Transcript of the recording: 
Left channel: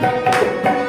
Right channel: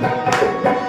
Thank you.